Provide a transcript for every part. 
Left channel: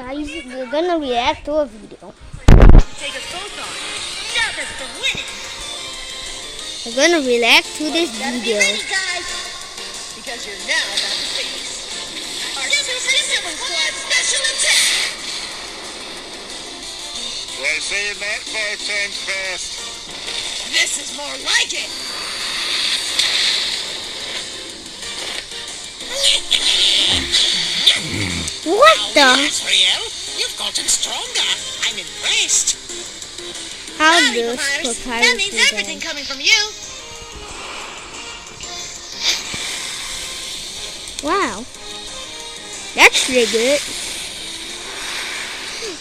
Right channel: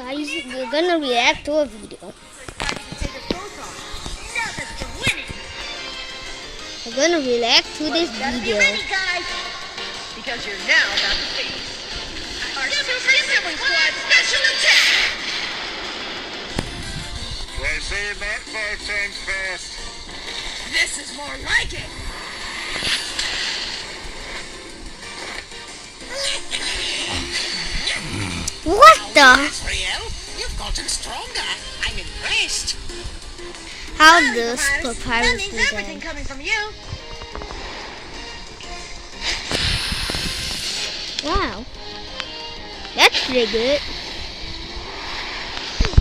guys, we're gonna react to a video. Take us both on. Nervous to winning. We're gonna react to this video. Because you're now about to face our Super Squad Special Attack. Why say it not 5 times fast? This is more like it. What the? Real? You've gotten stronger. I'm impressed. How does That Papyrus means do everything that? coming from you. Wow. That's pretty good.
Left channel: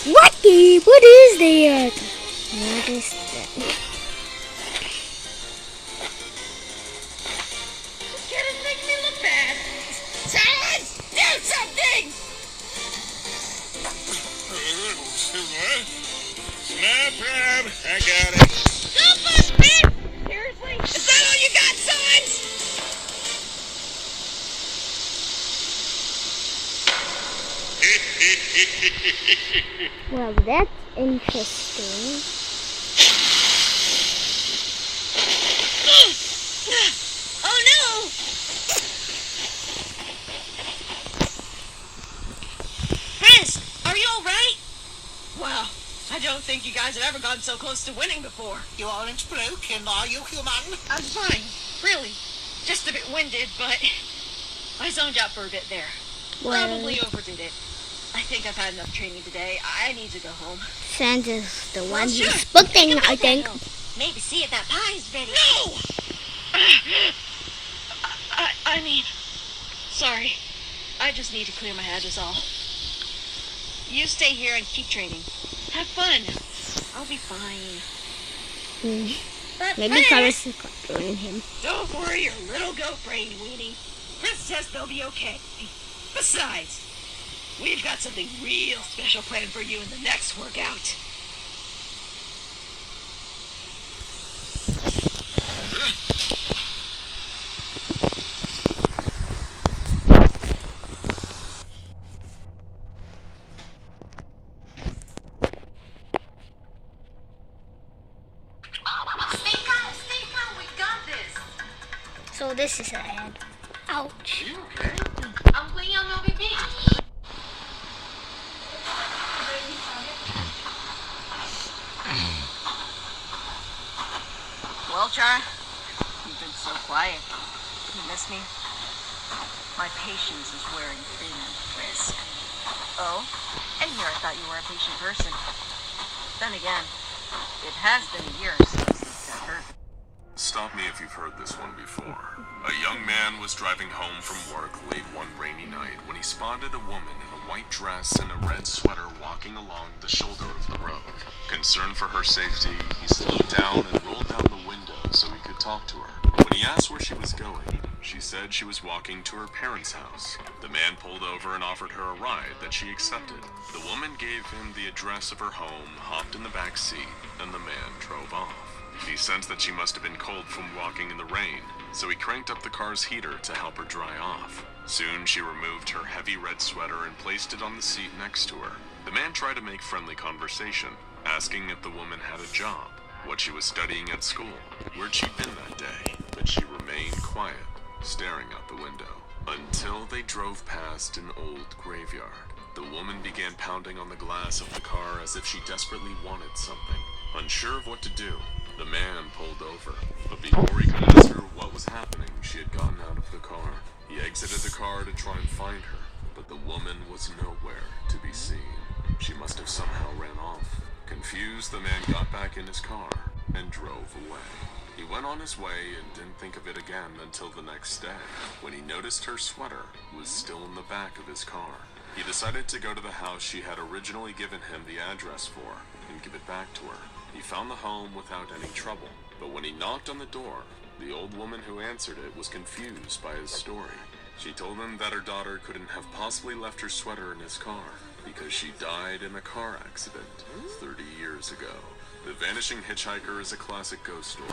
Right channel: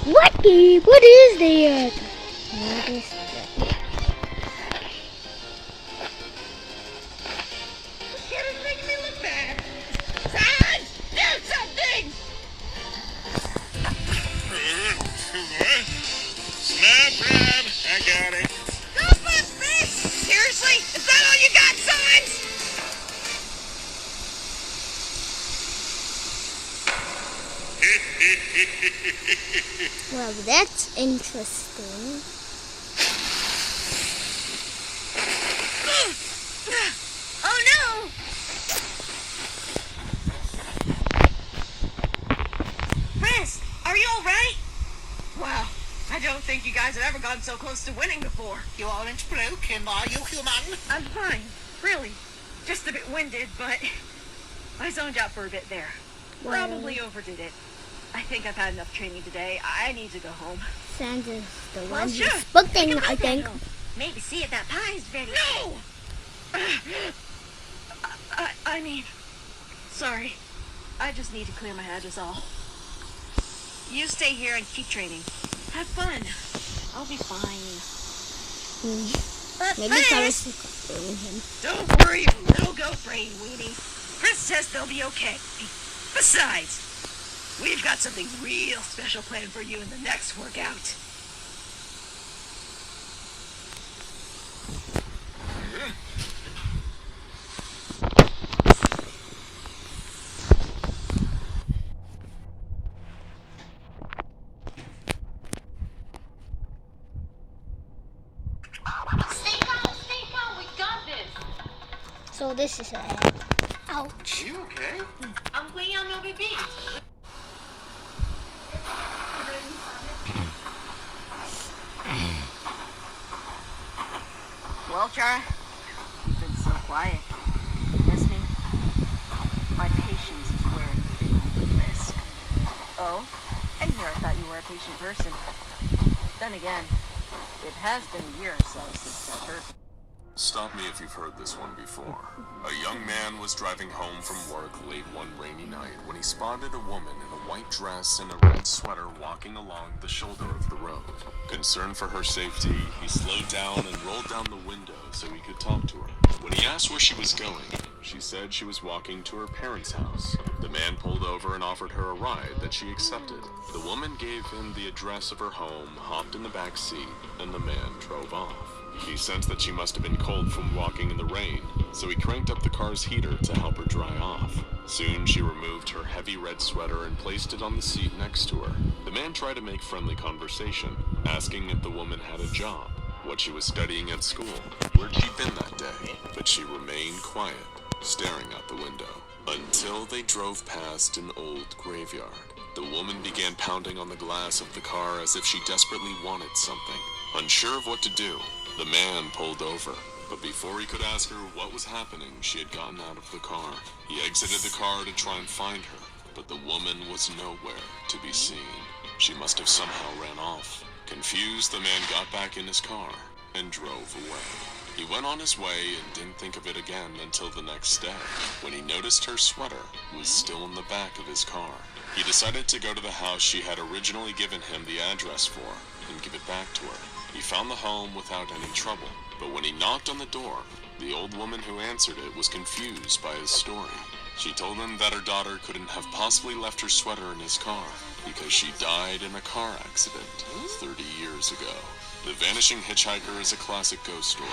What is that? What is that? Get it, make me look bad. Todd, do something! Snap grab. I got it. Go bust, man! Seriously? Is that all you got, Signs? Well, that's interesting. Oh no! Prince, are you alright? Wow, I don't think you guys have ever gotten so close to winning before. You aren't broken, are you, human? I'm fine, really. Just a bit winded, but I zoned out for a bit there. Well, Probably overdid it. I think I've had enough training today. I need to go home. Santa's the one sure. who's booking, I think. Maybe see if that pie's ready. No! I mean, sorry. I just need to clear my head is all. You stay here and keep training. Have fun. I'll be fine. But Maybe first, Papyrus is controlling him. don't worry your little goat brain, Weenie. Chris says they'll be okay. Besides, we've got something real special planned for you in the next workout. Stay calm, we got this. So this is a ouch. You okay? I'm playing on OBP. Well, Chara, you've been so quiet. You miss me? My patience is wearing thin with risk. Oh, and here I thought you were a patient person. Then again, it has been a year or so since that hurt. Stop me if you've heard this one before. A young man was driving home from work late one rainy night when he spotted a woman in a white dress and a red sweater walking along the shoulder of the road. Concerned for her safety, he slowed down and rolled down the window so he could talk to her. When he asked where she was going, she said she was walking to her parents' house. The man pulled over and offered her a ride that she accepted. The woman gave him the address of her home, hopped in the back seat, and the man drove off. He sensed that she must have been cold from walking in the rain, so he cranked up the car's heater to help her dry off. Soon she removed her heavy red sweater and placed it on the seat next to her. The man tried to make friendly conversation, asking if the woman had a job, what she was studying at school, where'd she been that day, but she remained quiet, staring out the window. Until they drove past an old graveyard. The woman began pounding on the glass of the car as if she desperately wanted something. Unsure of what to do, the man pulled over, but before he could ask her what was happening, she had gotten out of the car. He exited the car to try and find her, but the woman was nowhere to be seen. She must have somehow ran off. Confused, the man got back in his car and drove away. He went on his way and didn't think of it again until the next day, when he noticed her sweater was still in the back of his car. He decided to go to the house she had originally given him the address for and give it back to her. He found the home without any trouble, but when he knocked on the door, the old woman who answered it was confused by his story. She told him that her daughter couldn't have possibly left her sweater in his car because she died in a car accident 30 years ago. The Vanishing Hitchhiker is a classic ghost story,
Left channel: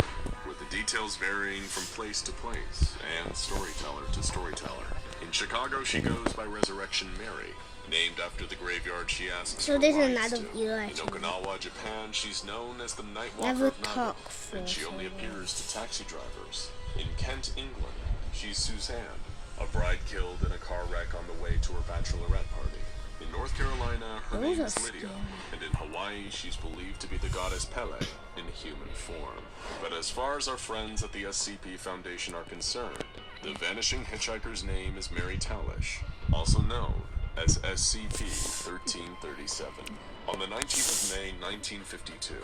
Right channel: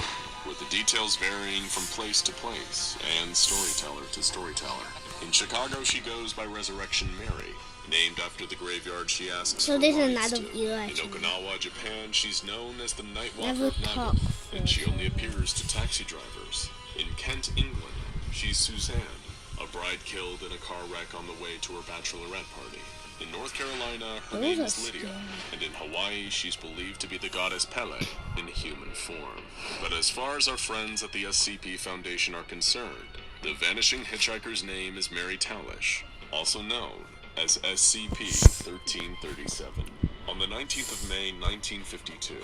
with the details varying from place to place and storyteller to storyteller. In Chicago, she goes by Resurrection Mary. Named after the graveyard she asks So for this is rides another to. view, In actually. Okinawa, Japan, she's known as the Night Walker Never of talk Naga, and she for only so long. appears to taxi drivers. In Kent, England, she's Suzanne, a bride killed in a car wreck on the way to her bachelorette party. In North Carolina, her name Those is are Lydia, scary. and in Hawaii, she's believed to be the goddess Pele in human form. But as far as our friends at the SCP Foundation are concerned, the vanishing hitchhiker's name is Mary Talish, also known as SCP-1337. On the 19th of May, 1952,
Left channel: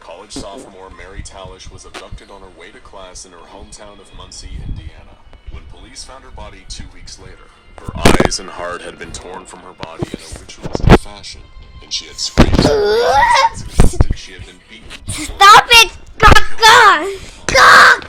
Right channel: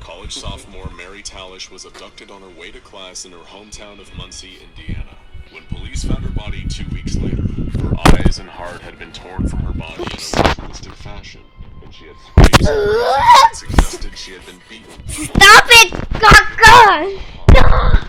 college sophomore Mary Talish was abducted on her way to class in her hometown of Muncie, Indiana. When police found her body 2 weeks later, her eyes and heart had been torn from her body in a ritualistic fashion, and she had screamed and suggested she had been beaten. Stop it, Kaka! Kaka!